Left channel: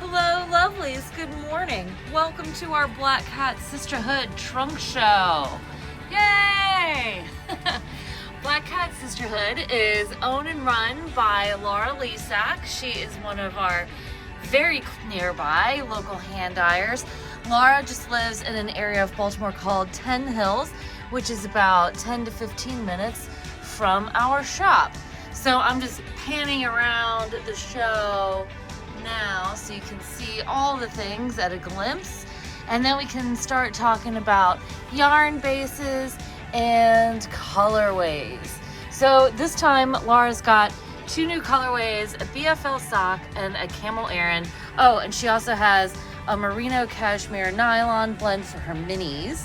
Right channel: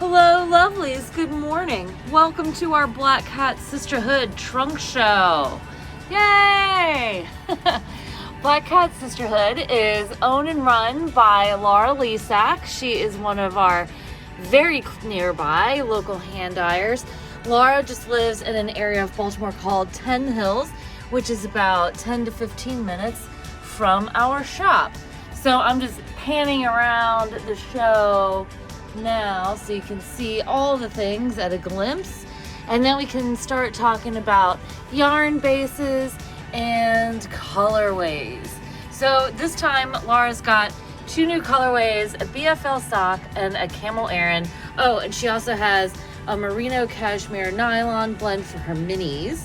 Hello, lovelies. Good morning. Welcome to our Black Cat Sisterhood trunk show. Yay! Black Cat Sisterhood is owned and run by Laura Lisak. She is one of our very nearby local hand dyers. Laura just lives in an area of Baltimore called 10 Hills, which is about 10 to 15 minutes from our shop. So I'm just panning around the show now so you can see all the things at a glimpse, and then we can start talking about yarn bases and colorways. So this time Laura's got two new colorways, a BFL sock and a camel Aran. Oh, and she also has a merino cashmere nylon blend for her minis.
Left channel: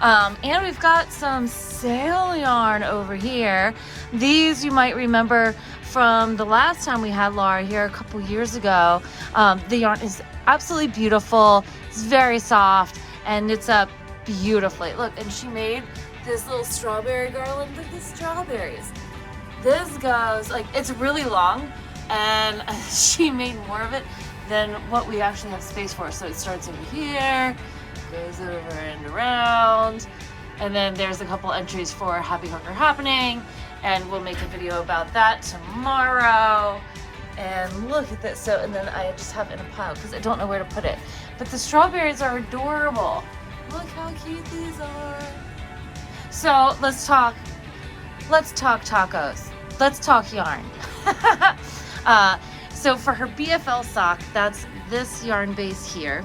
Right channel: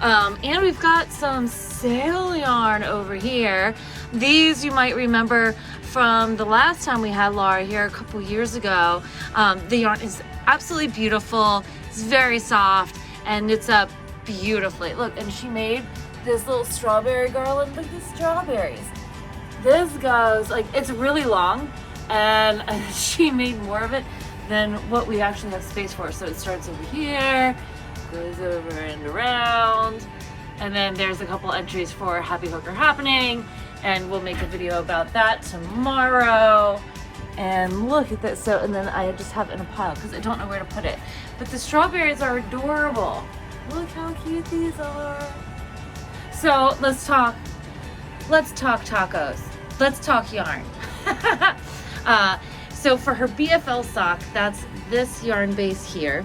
And we've got some sale yarn over here. These you might remember from the last time we had Laura here a couple years ago. The yarn is absolutely beautiful. It's very soft and it's up beautifully. Look, and she made this little strawberry garland. Look at the strawberries. This goes, like, it's really long, and she made more of it than what we actually have space for. So it starts over here, goes over and around, and then there's a couple entries for Happy Hooker Happening, and we'll make a video about that tomorrow. And look at this. So, and then I just have it in a pile because I don't know where to put it. But the strawberries are adorable. Look how cute these are. So let's talk tacos. Let's talk yarn. So for her BFL sock, that's this yarn base here.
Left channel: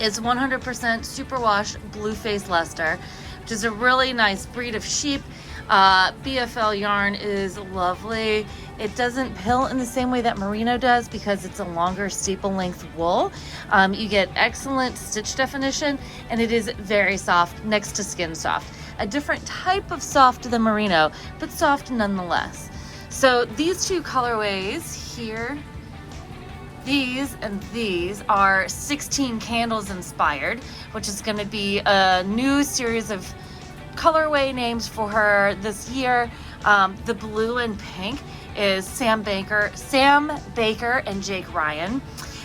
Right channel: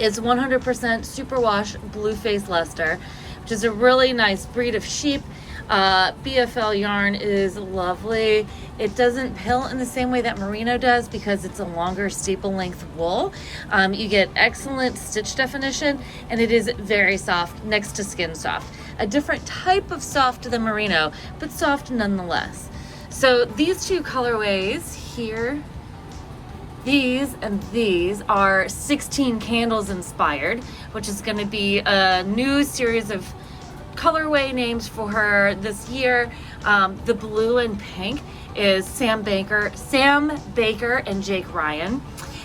It's 100% superwash blue face Leicester, which is a really nice breed of sheep. BFL yarn is lovely. It doesn't pill in the same way that merino does because it's a longer staple length wool. You get excellent stitch definition, and it is very soft, next to skin soft. A different type of soft than merino, but soft nonetheless. So these two colorways here, these and these are 16 candles inspired, which is going to be a new series of colorway names for her this year. The blue and pink is Sam Baker and Jake Ryan.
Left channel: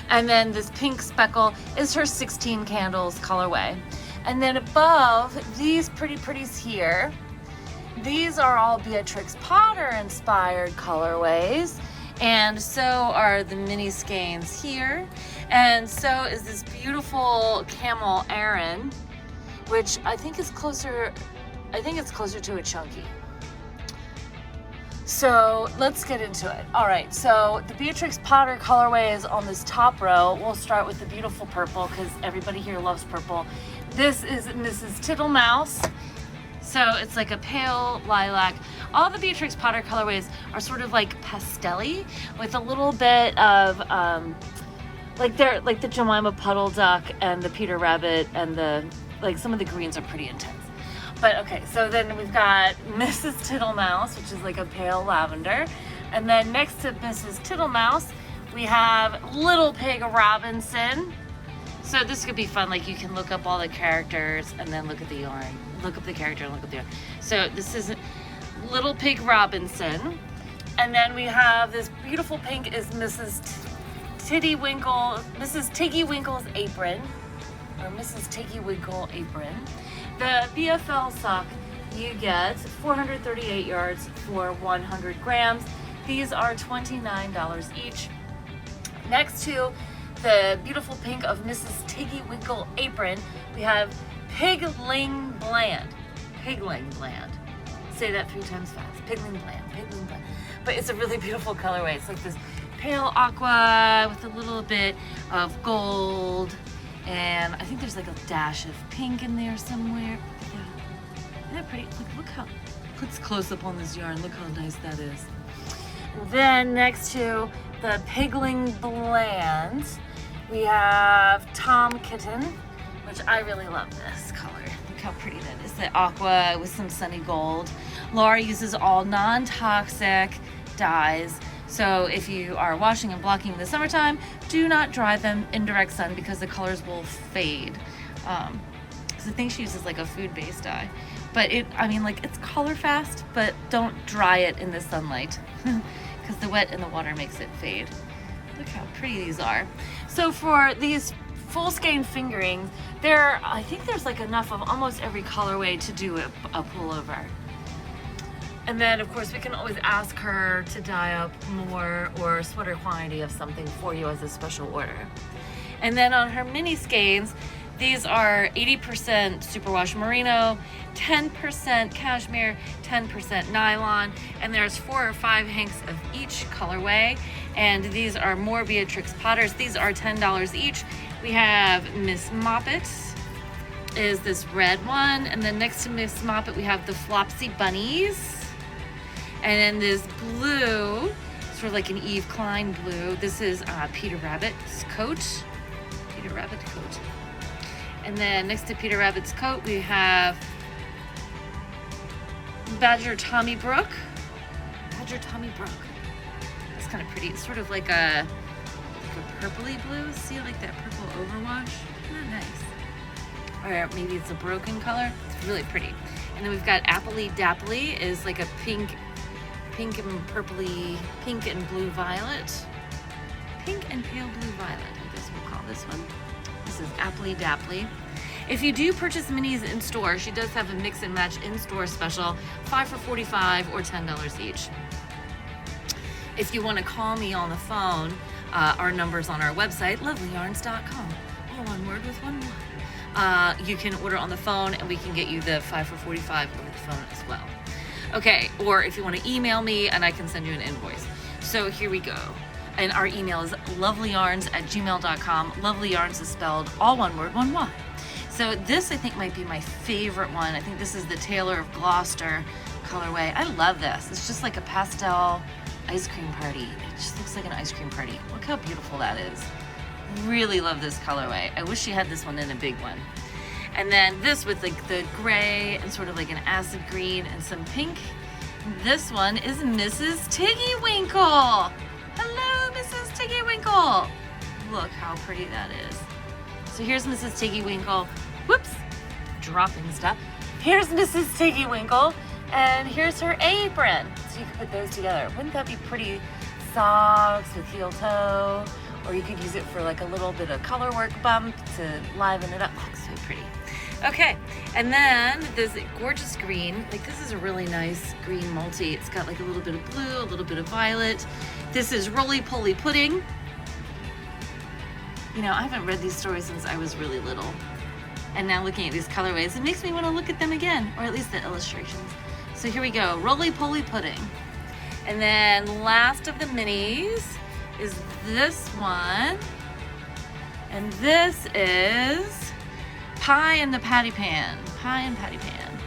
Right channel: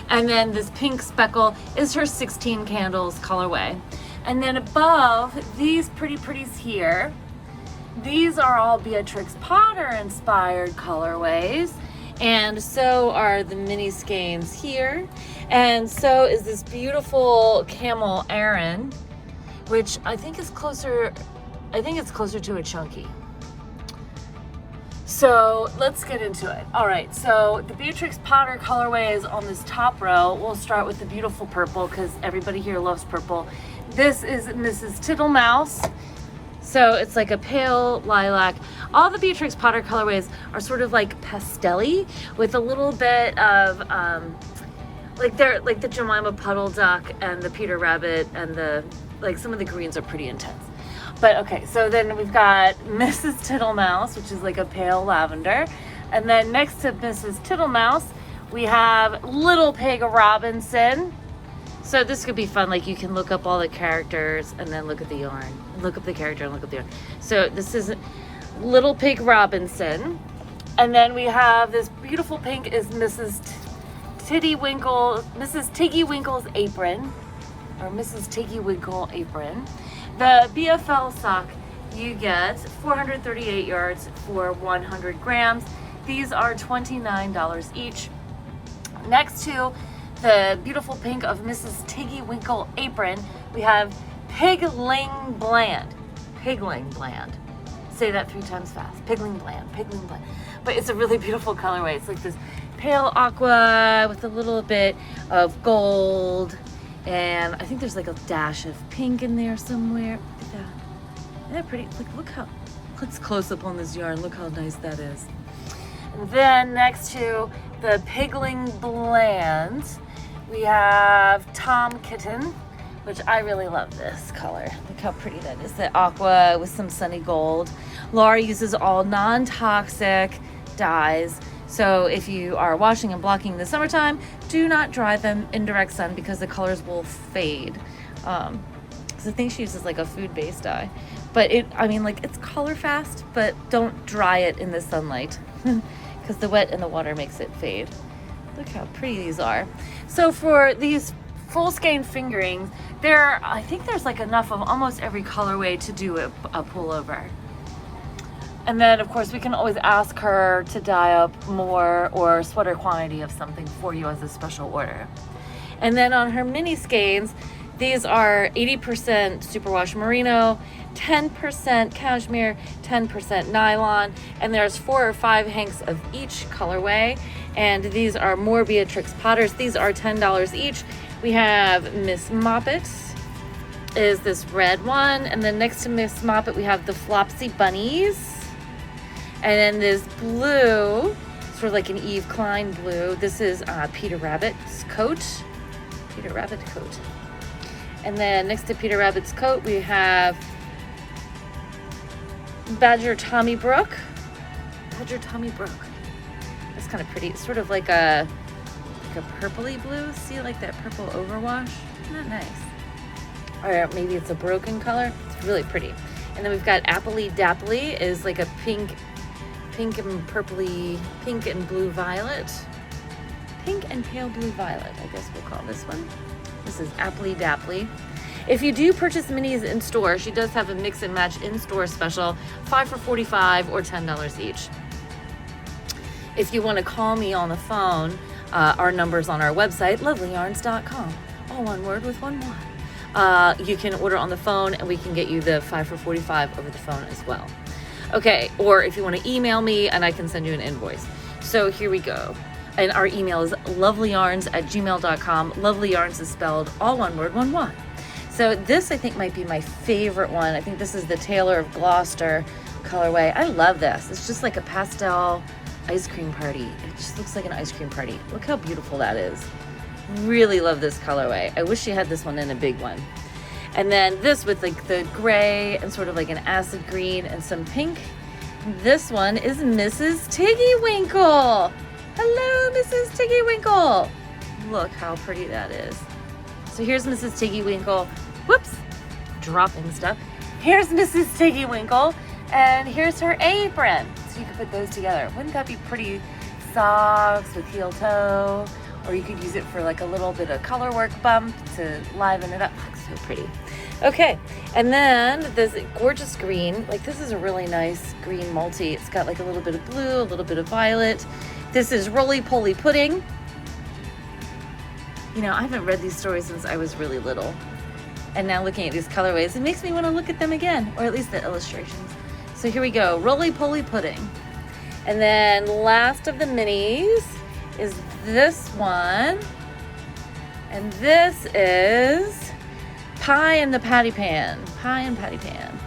And then this pink speckle is her 16 candles colorway. And then above, these pretties here, these are all Beatrix Potter inspired colorways. And so are the mini skeins here. And so is this beautiful camel Aran, which I think it's closer to a chunky. So let's get into it. All right, so the Beatrix Potter colorway is on this top row. We'll start with the beautiful purple because everybody here loves purple. This is Mrs. Tittlemaus. So it's like a pale lilac. All the Beatrix Potter colorways are sort of like pastel-y with a little bit of like the Jemima Puddle Duck and the Peter Rabbit, and some of the greens are pretty intense. But okay, so then we've got Mrs. Tittlemaus, which is like a pale lavender. And then next to Mrs. Tittlemaus, we have Little Pig Robinson. So this could be fun. Like, you can look up all the characters and then look at the yarn. Look up the character and look up the yarn. So this is Little Pig Robinson. And then we have this beautiful pink is Mrs. Tiggy Winkle's apron. Or Mrs. Tiggy Winkle apron. The BFL sock, you get 438 yards for 100 grams. These are $29 each. Next to the beautiful pink of Mrs. Tiggy Winkle apron, we have Pigling Bland. Pigling Bland. Say that 3 times fast. Pigling Bland. Pigling Bland. But it's a really beautiful colorway. It's like this pale aqua with a little bit of gold. And I think there's like a dash of pink in there somewhere. Look at that. Isn't that pretty? Like, look how, let's close up on this yarn. Look how nice that is. And then next to the Pigling Bland, we have Tom Kitten, which I really love this color. Look how pretty that is. The aqua with some sunny gold. Laura uses all non-toxic dyes. So if you are washing and blocking in the summertime, do not dry them in direct sun because the colors will fade. So I think she uses like a food-based dye. But it's color fast, but don't dry it in the sunlight because the wet in the water makes it fade. Look how pretty these are. So for these full skein fingerings, I think there's like enough of almost every colorway to do a pullover. And then of course we can always ask her to dye up more or sweater quantity of something for you as a special order. And then on her mini skeins, these are 80% superwash merino, 10% cashmere, 10% nylon, and there's 4 or 5 hanks of each colorway. And these are more Beatrix Potters. These are $10 each. We have Miss Moppet is this red one, and then next to Miss Moppet we have the Flopsy Bunnies. And then this blue, sort of like an Eve Klein blue. This is Peter Rabbit's coat. Peter Rabbit coat. And then next to Peter Rabbit's coat, we have Badger Tommy Brook. Badger Tommy Brook. That's kind of pretty. It's sort of like a purpley blue. See, like that purple overwash? Isn't that nice? Or maybe it's a broken color. It's really pretty. And then we've got Appley Dapply is like a pink and purpley, pink and blue violet. Pink and pale blue violet, I guess we'll call this one. This is Appley Dapply. If you do purchase minis in store, she does have a mix and match in-store special, 5 for $45 or $10 each. If you want to call me on the phone, our number's on our website, lovelyarns.com. All one word with one Y. You can order on the phone and we can get you the 5 for $45 over the phone as well. Okay, or if you want to email me and I can send you an invoice. So here we go. And our email is lovelyarns@gmail.com. Lovelyarns is spelled all one word, one Y. So this I think might be my favorite one. I think this is the Taylor of Gloucester colorway. I love this. It's just like a pastel ice cream party. It just looks like an ice cream party. Look how beautiful that is. Really love this colorway. I wish she had this one in a big one. And then this with like the gray and sort of like an acid green and some pink. This one is Mrs. Tiggywinkle. Hello, Mrs. Tiggywinkle. Look how pretty that is. So here's Mrs. Tiggywinkle. Whoops, dropping stuff. Here's Mrs. Tiggywinkle, and here's her apron. So you can put those together. Wouldn't that be pretty? Socks with heel toe, or you could use it for like a little bit of color work bump to liven it up. Looks so pretty. Okay, and then this gorgeous green. Like this is a really nice green multi. It's got like a little bit of blue, a little bit of violet. This is Roly Poly Pudding. You know, I haven't read these stories since I was really little. And now looking at these colorways, it makes me want to look at them again, or at least the illustrations. So here we go, Roly Poly Pudding. And then last of the minis is this one. And this is Pie in the Patty Pan. Pie and Patty Pan.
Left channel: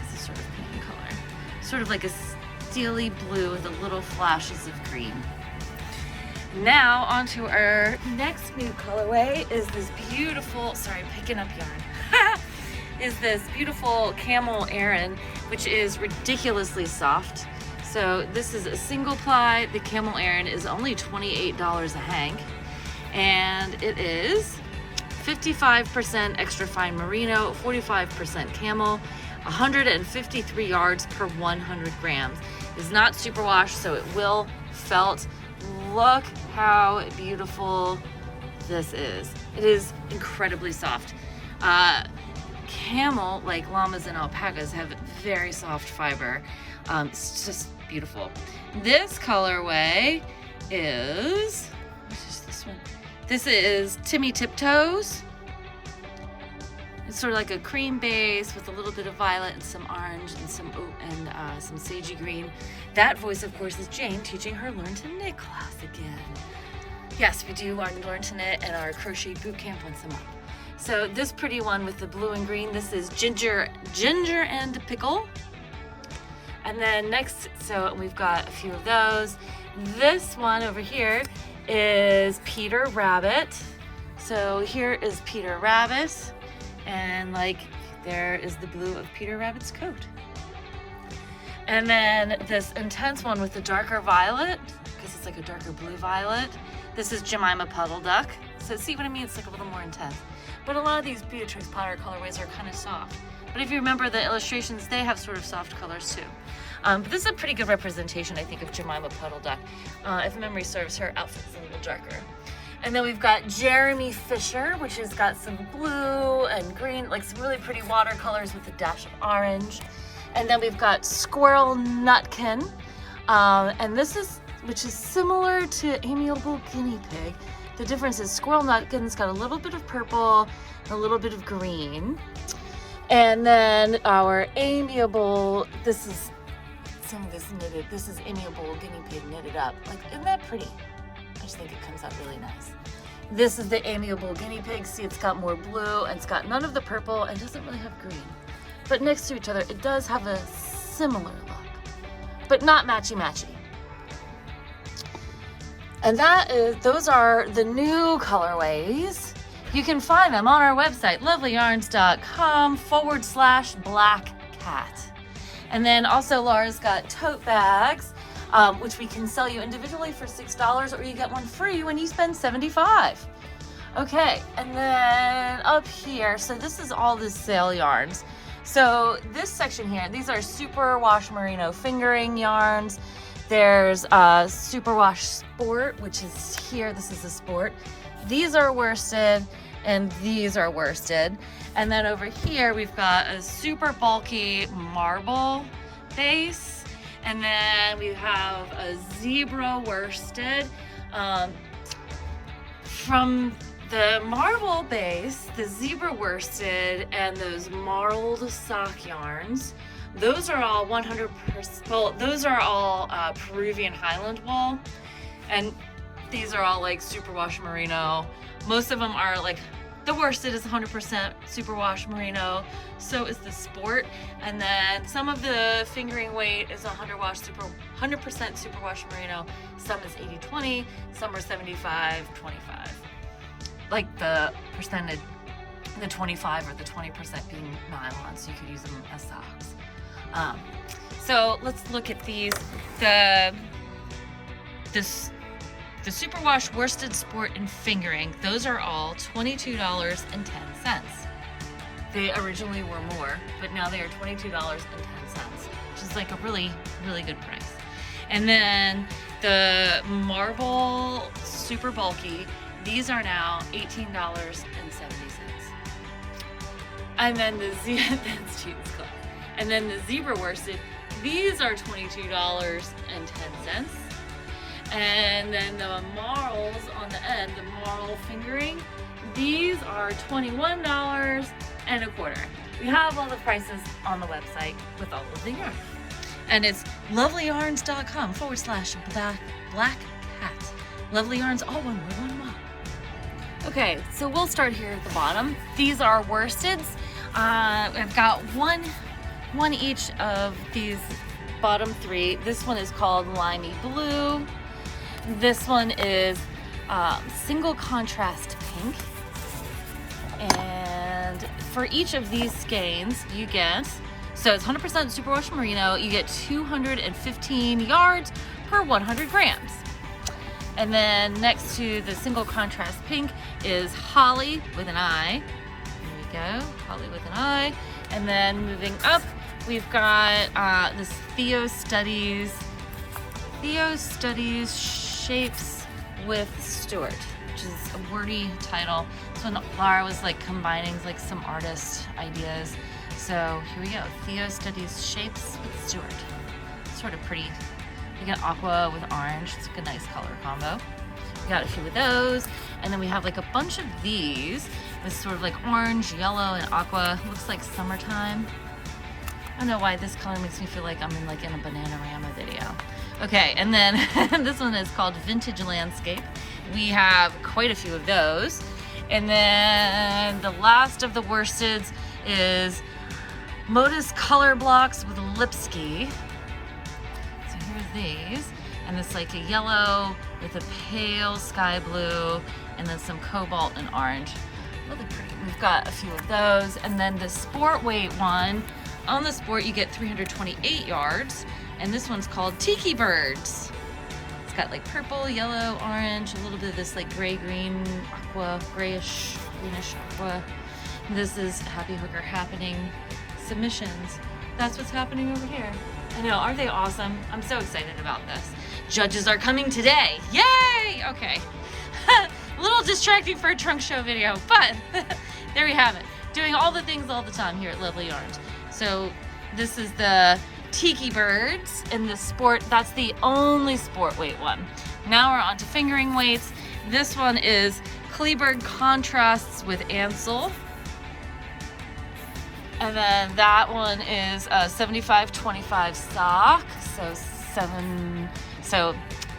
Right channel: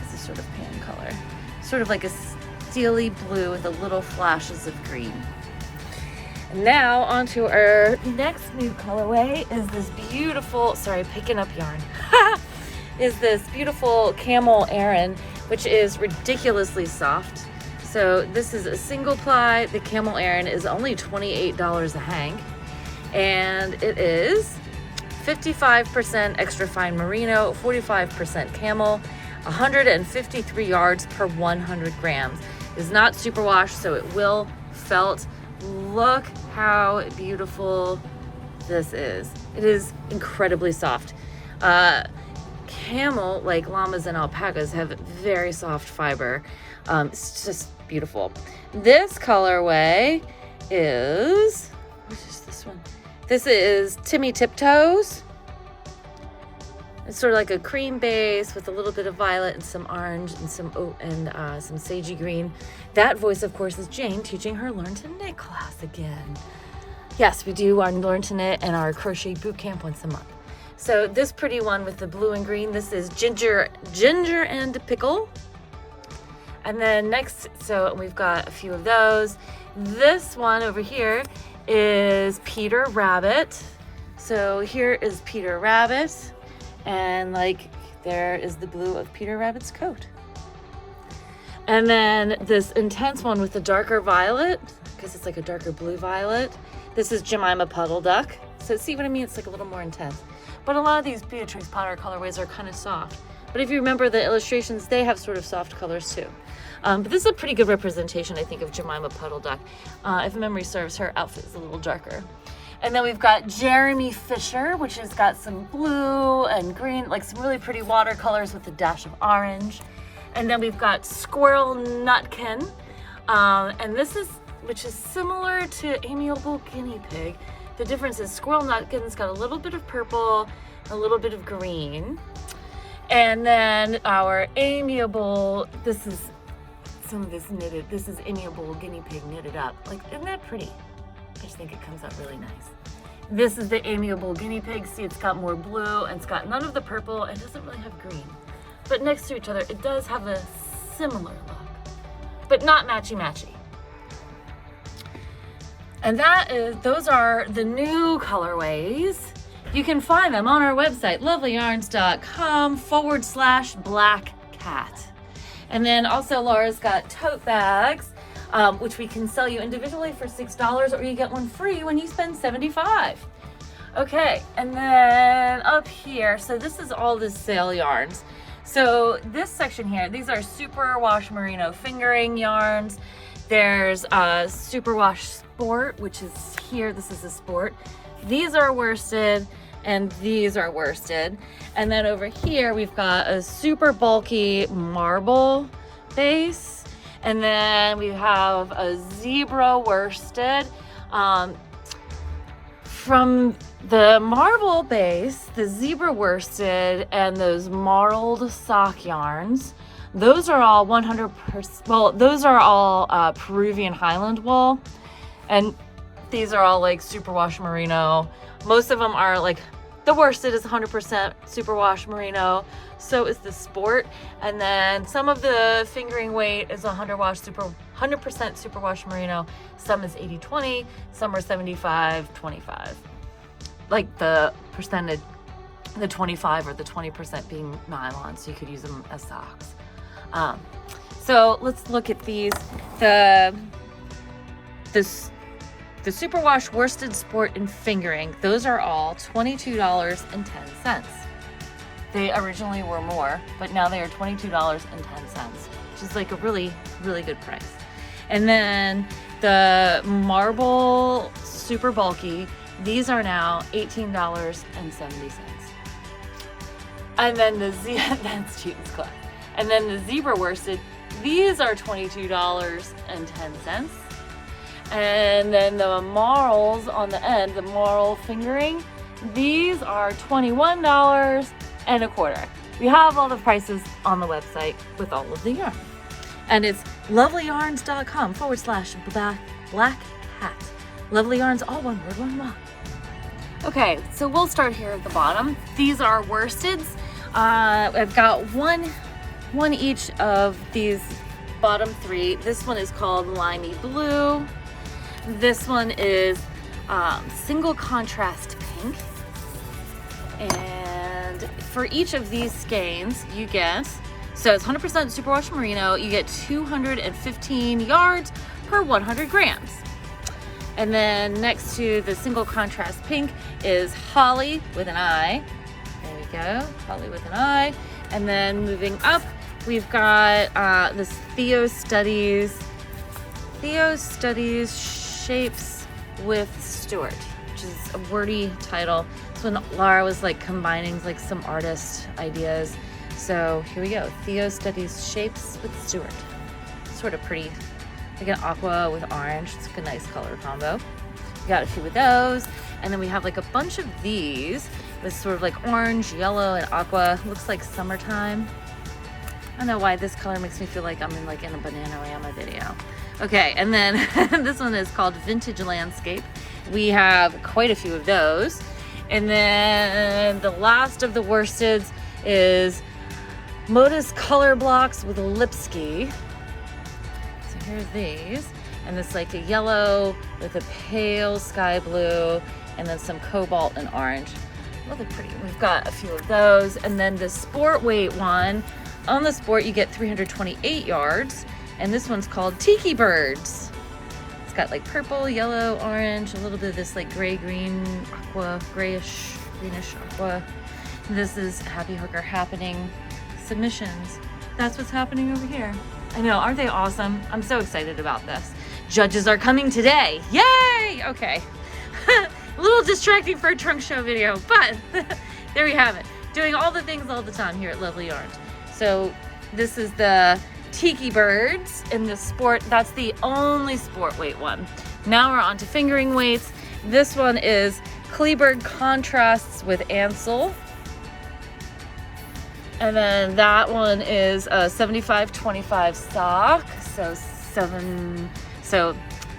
This is sort of pan color. Sort of like a steely blue with a little flashes of green. Now onto our next new colorway is this beautiful, sorry, picking up yarn, is this beautiful Camel Aran, which is ridiculously soft. So this is a single ply. The Camel Aran is only $28 a hank, and it is 55% extra fine merino, 45% camel, 153 yards per 100 grams. It's not superwash, so it will felt. Look how beautiful this is. It is incredibly soft. Camel, like llamas and alpacas, have very soft fiber. It's just beautiful. This colorway is, what is this one? This is Timmy Tiptoes. It's sort of like a cream base with a little bit of violet and some orange and some sagey green. That voice, of course, is Jane teaching her Learn to Knit class again. Yes, we do our Learn to Knit and our crochet boot camp once a month. So this pretty one with the blue and green, this is Ginger and Pickle. And then next, so we've got a few of those. This one over here is Peter Rabbit. So here is Peter Rabbit. And like there is the blue of Peter Rabbit's coat. And then this intense one with the darker violet, because it's like a darker blue violet. This is Jemima Puddle Duck. So see what I mean? It's like a little more intense. But a lot of these Beatrix Potter colorways are kind of soft. But if you remember the illustrations, they have sort of soft colors too. But this is a pretty good representation, I think, of Jemima Puddle Duck. If memory serves, her outfit is a little darker. And then we've got Jeremy Fisher, which has got some blue and green, like some really pretty watercolors with a dash of orange. And then we've got Squirrel Nutkin. And this is, which is similar to Amiable Guinea Pig. The difference is Squirrel Nutkin's got a little bit of purple, a little bit of green. And then our Amiable, this is some of this knitted, this is Amiable Guinea Pig knitted up. Like, isn't that pretty? I just think it comes out really nice. This is the Amiable Guinea Pig. See, it's got more blue and it's got none of the purple and doesn't really have green. But next to each other, it does have a similar look, but not matchy-matchy. And those are the new colorways. You can find them on our website, lovelyarns.com/blackcat. And then also Laura's got tote bags, which we can sell you individually for $6, or you get one free when you spend $75. Okay, and then up here, so this is all the sale yarns. So this section here, these are Superwash Merino fingering yarns. There's Superwash Sport, which is here. This is a sport. These are worsted and these are worsted. And then over here, we've got a super bulky marble base. And then we have a zebra worsted. From the marble base, the zebra worsted, and those marled sock yarns, those are all 100%, well, those are all Peruvian Highland wool. And these are all like Superwash Merino. Most of them are like, the worsted is 100% Superwash Merino. So is the sport. And then some of the fingering weight is 100% Superwash Merino. Some is 80-20, some are 75-25. Like the percentage, the 25 or the 20% being nylon, so you could use them as socks. So let's look at these. The Superwash Worsted Sport and Fingering, those are all $22.10. They originally were more, but now they are $22.10, which is like a really, really good price. And then the marble super bulky, these are now $18.70. And then that's cheap as class. And then the zebra worsted, these are $22.10. And then the marls on the end, the marl fingering, these are $21.25. You have all the prices on the website with all of the yarn. And it's lovelyarns.com/blackcat. Lovely Yarns, all one word, one walk. Okay, so we'll start here at the bottom. These are worsteds. I've got one each of these bottom three. This one is called Limey Blue. This one is single contrast pink. And for each of these skeins, you get, so it's 100% Superwash Merino, you get 215 yards per 100 grams. And then next to the single contrast pink is Holly with an I. There we go, Holly with an I. And then moving up, we've got this Theo Studies Shapes with Stuart, which is a wordy title. So when Laura was like combining like some artist ideas. So here we go, Theo Studies Shapes with Stuart. Sort of pretty, like an aqua with orange. It's like a nice color combo. We got a few of those. And then we have like a bunch of these with sort of like orange, yellow, and aqua. Looks like summertime. I don't know why this color makes me feel like I'm in a Bananarama video. Okay, and then this one is called Vintage Landscape. We have quite a few of those. And then the last of the worsteds is Modus Color Blocks with Lipski. So here's these. And it's like a yellow with a pale sky blue and then some cobalt and orange. Really pretty. We've got a few of those. And then the sport weight one, on the sport you get 328 yards. And this one's called Tiki Birds. It's got like purple, yellow, orange, a little bit of this like gray-green aqua, greenish aqua. And this is Happy Hooker Happening submissions. That's what's happening over here. I know, aren't they awesome? I'm so excited about this. Judges are coming today. Yay! Okay. A little distracting for a trunk show video, but there we have it. Doing all the things all the time here at Lovelyarns. So this is the Tiki Birds in the sport. That's the only sport weight one. Now we're on to fingering weights. This one is Kleberg contrasts with Ansel. And then that one is a 75-25 stock. So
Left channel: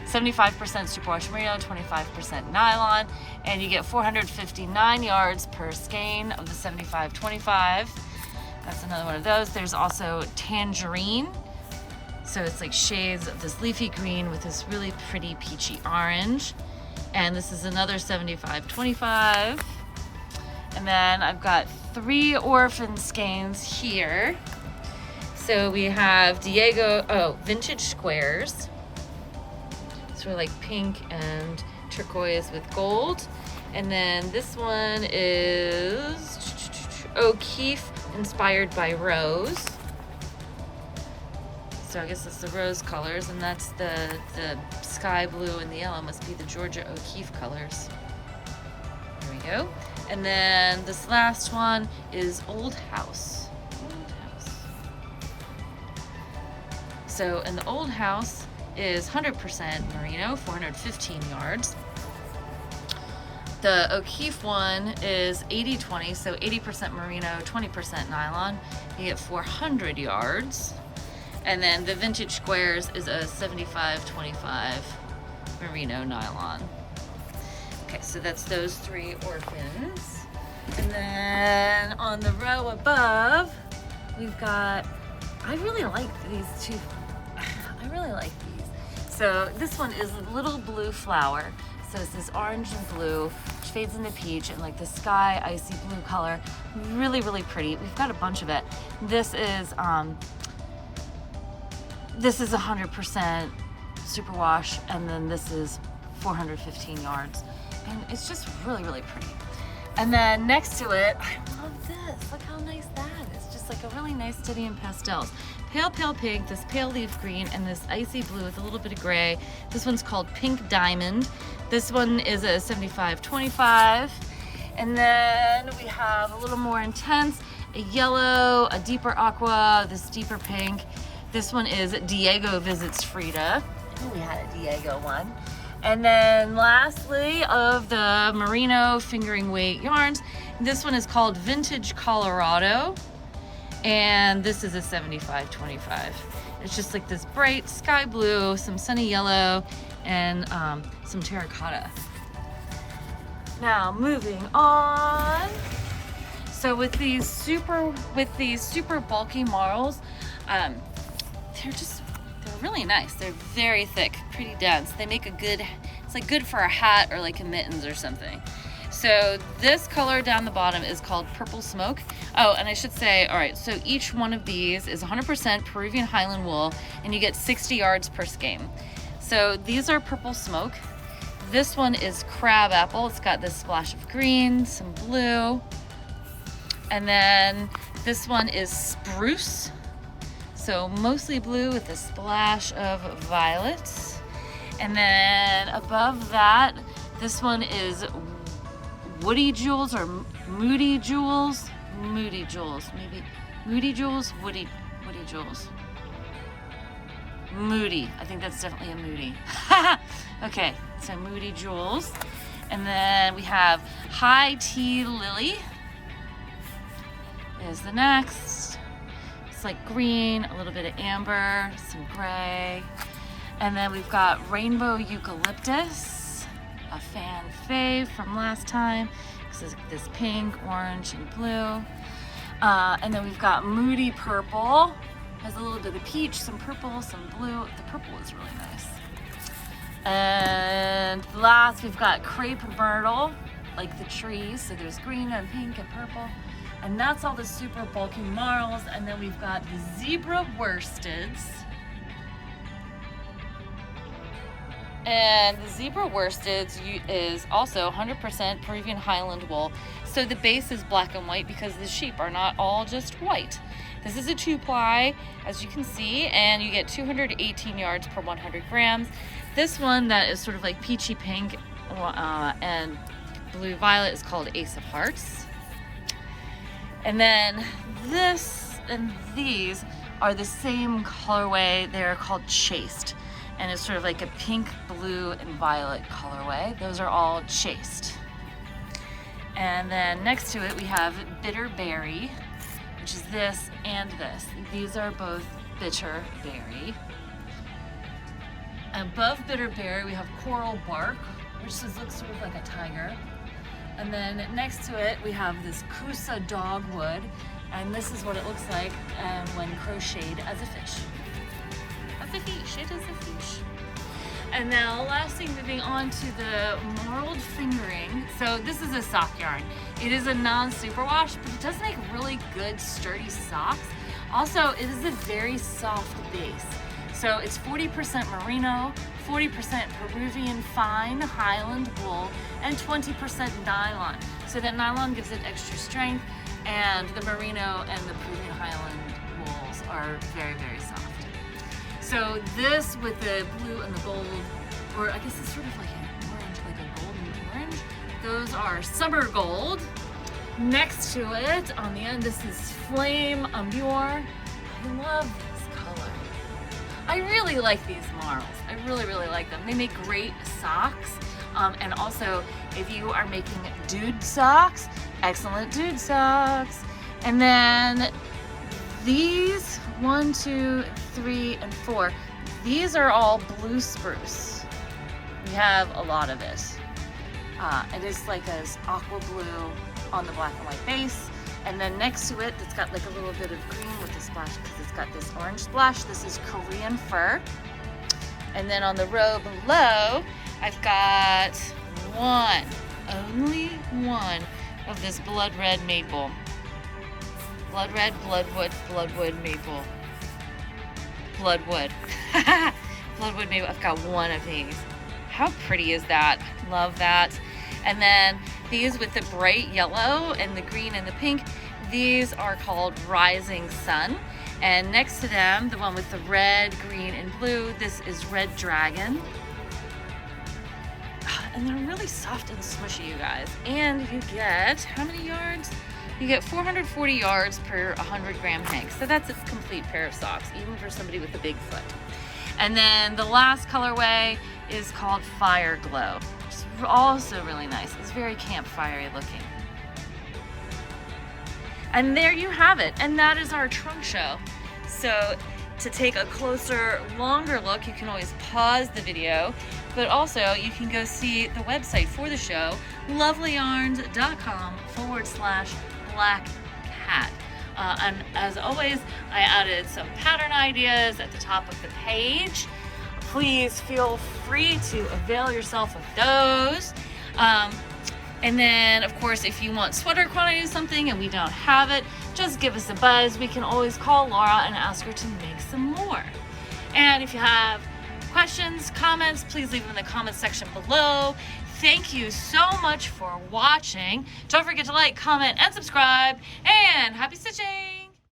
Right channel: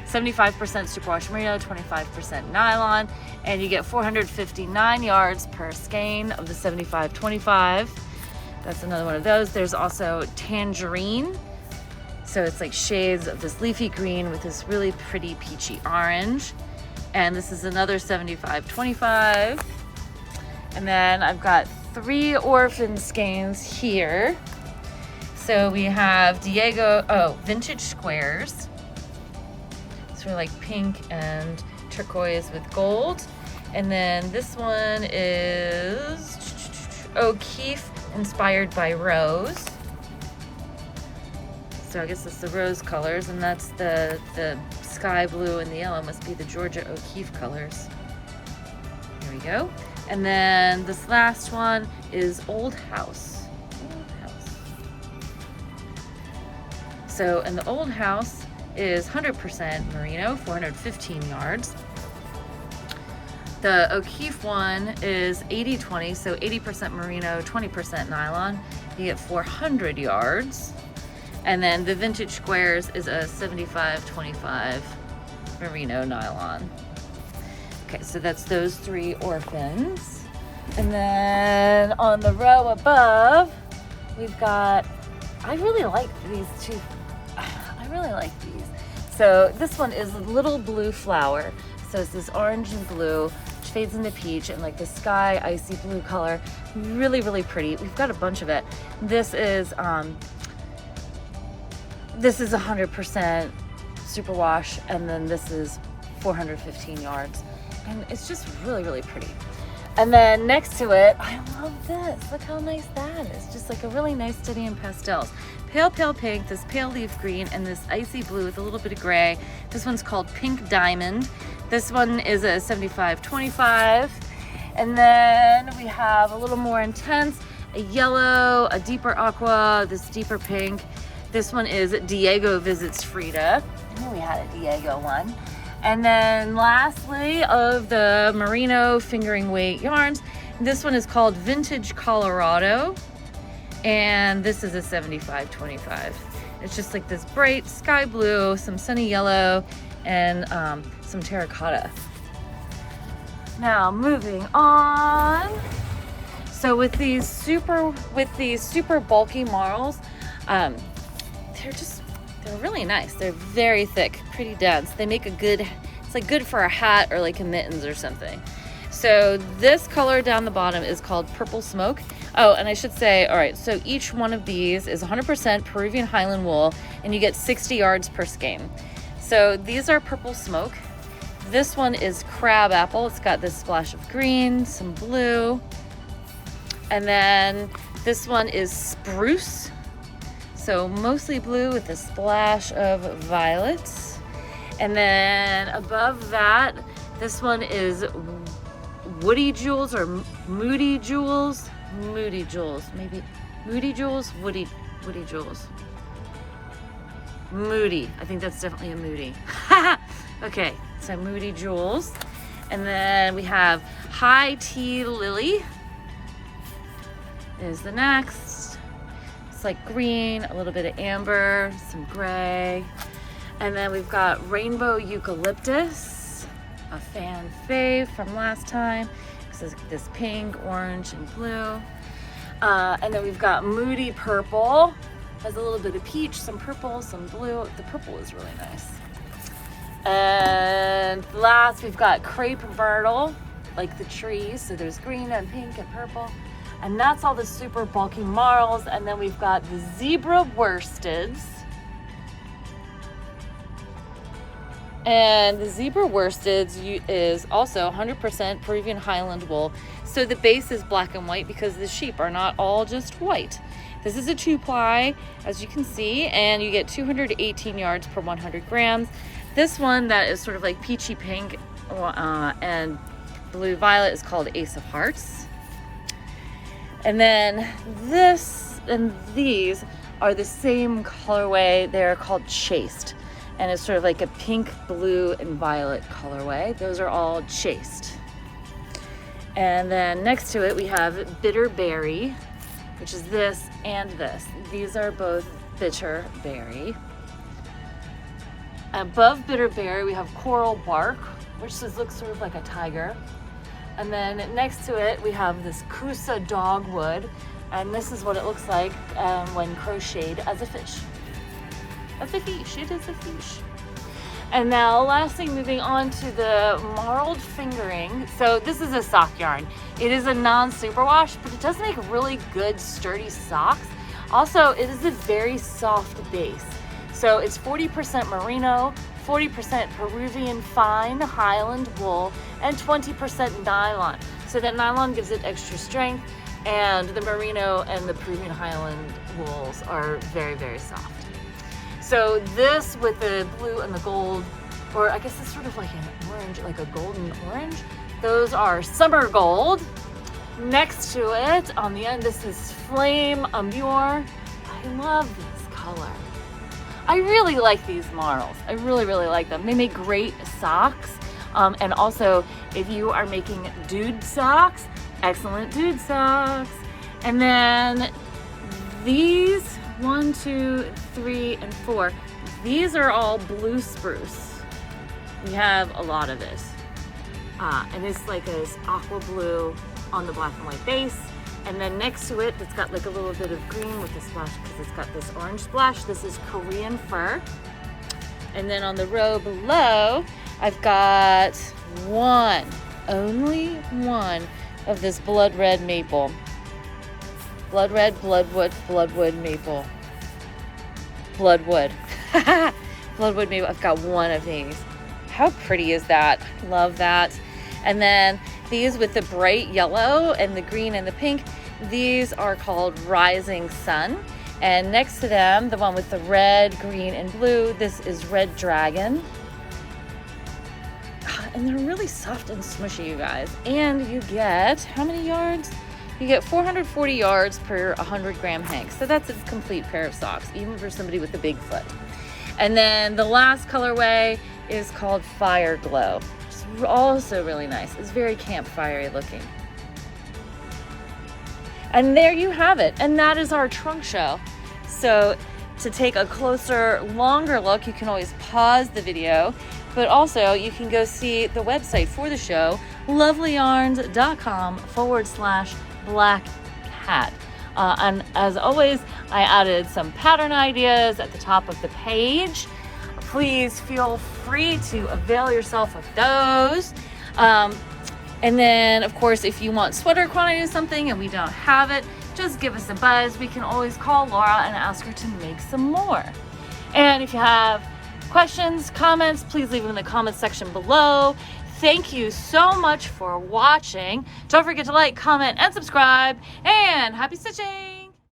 75% superwash merino, 25% nylon, and you get 459 yards per skein of the 75-25. That's another one of those. There's also tangerine. So it's like shades of this leafy green with this really pretty peachy orange. And this is another 75-25. And then I've got 3 orphan skeins here. So we have vintage squares. So like pink and turquoise with gold. And then this one is O'Keefe inspired by rose. So I guess it's the rose colors, and that's the sky blue and the yellow must be the Georgia O'Keefe colors. Here we go. And then this last one is Old House. Old House. So in the Old House is 100% merino, 415 yards. The O'Keefe one is 80-20, so 80% merino, 20% nylon. You get 400 yards. And then the vintage squares is a 75-25 merino nylon. Okay, so that's those 3 orphans. And then on the row above, we've got, I really like these 2. I really like these. So this one is Little Blue Flower. So it's this orange and blue, which fades into peach, and like the sky icy blue color. Really, really pretty. We've got a bunch of it. This is 100% superwash, and then this is 415 yards. And it's just really, really pretty. And then next to it, I love this. Look how nice that is. Just like a really nice study in pastels. Pale, pale pink, this pale leaf green, and this icy blue with a little bit of gray. This one's called Pink Diamond. This one is a 75-25. And then we have a little more intense, a yellow, a deeper aqua, this deeper pink. This one is Diego Visits Frida. I knew we had a Diego one. And then lastly, of the merino fingering weight yarns, this one is called Vintage Colorado. And this is a 75-25. It's just like this bright sky blue, some sunny yellow, and some terracotta. Now moving on. So with these super bulky marls, they're really nice. They're very thick, pretty dense. They make it's like good for a hat or like a mittens or something. So this color down the bottom is called Purple Smoke. Oh, and I should say, all right, so each one of these is 100% Peruvian Highland wool, and you get 60 yards per skein. So these are Purple Smoke. This one is Crab Apple. It's got this splash of green, some blue. And then this one is Spruce. So mostly blue with a splash of violet. And then above that, this one is Woody Jewels or Moody Jewels. Moody Jewels, maybe. Moody Jewels, Woody Jewels. Moody, I think that's definitely a Moody. Okay, so Moody Jewels. And then we have High Tea Lily is the next. It's like green, a little bit of amber, some gray. And then we've got Rainbow Eucalyptus, a fan fave from last time. This pink, orange, and blue. And then we've got Moody Purple. Has a little bit of peach, some purple, some blue. The purple is really nice. And last, we've got Crepe Myrtle, like the trees. So there's green and pink and purple. And that's all the super bulky marls. And then we've got the Zebra Worsteds. And the Zebra Worsteds is also 100% Peruvian Highland wool. So the base is black and white because the sheep are not all just white. This is a 2-ply, as you can see, and you get 218 yards per 100 grams. This one that is sort of like peachy pink and blue violet is called Ace of Hearts. And then this and these are the same colorway. They're called Chased, and it's sort of like a pink, blue, and violet colorway. Those are all Chased. And then next to it we have Bitter Berry, which is this and this. These are both Bitter Berry. Above Bitter Berry we have Coral Bark, which looks sort of like a tiger. And then next to it we have this Kusa Dogwood, and this is what it looks like when crocheted as a fish. As a fish, it is a fish. And now lastly, moving on to the Marled Fingering. So this is a sock yarn. It is a non-superwash, but it does make really good sturdy socks. Also, it is a very soft base. So it's 40% merino, 40% Peruvian fine Highland wool, and 20% nylon. So that nylon gives it extra strength, and the merino and the Peruvian Highland wools are very, very soft. So this with the blue and the gold, or I guess it's sort of like an orange, like a golden orange. Those are Summer Gold. Next to it, on the end, this is Flame Amure. I love this color. I really like these marls. I really, really like them. They make great socks. And also, if you are making dude socks, excellent dude socks. And then these, 1, 2, 3, and 4. These are all blue spruce. We have a lot of it. And it's like this aqua blue on the black and white base. And then next to it, it's got like a little bit of green with the splash because it's got this orange splash. This is Korean fur. And then on the row below, I've got only one of this blood red maple. Blood red, bloodwood maple. Bloodwood. Bloodwood maple. I've got one of these. How pretty is that? Love that. And then these with the bright yellow and the green and the pink, these are called Rising Sun. And next to them, the one with the red, green, and blue, this is Red Dragon. And they're really soft and smushy, you guys. And you get, how many yards? You get 440 yards per 100 gram hank. So that's a complete pair of socks, even for somebody with a big foot. And then the last colorway is called Fire Glow. It's also really nice. It's very campfire-y looking. And there you have it. And that is our trunk show. So to take a closer, longer look, you can always pause the video, but also you can go see the website for the show, lovelyarns.com/black cat. And as always, I added some pattern ideas at the top of the page. Please feel free to avail yourself of those. And then, of course, if you want sweater quantity of something and we don't have it, just give us a buzz. We can always call Laura and ask her to make some more. And if you have questions, comments, please leave them in the comments section below. Thank you so much for watching. Don't forget to like, comment, and subscribe. And happy stitching!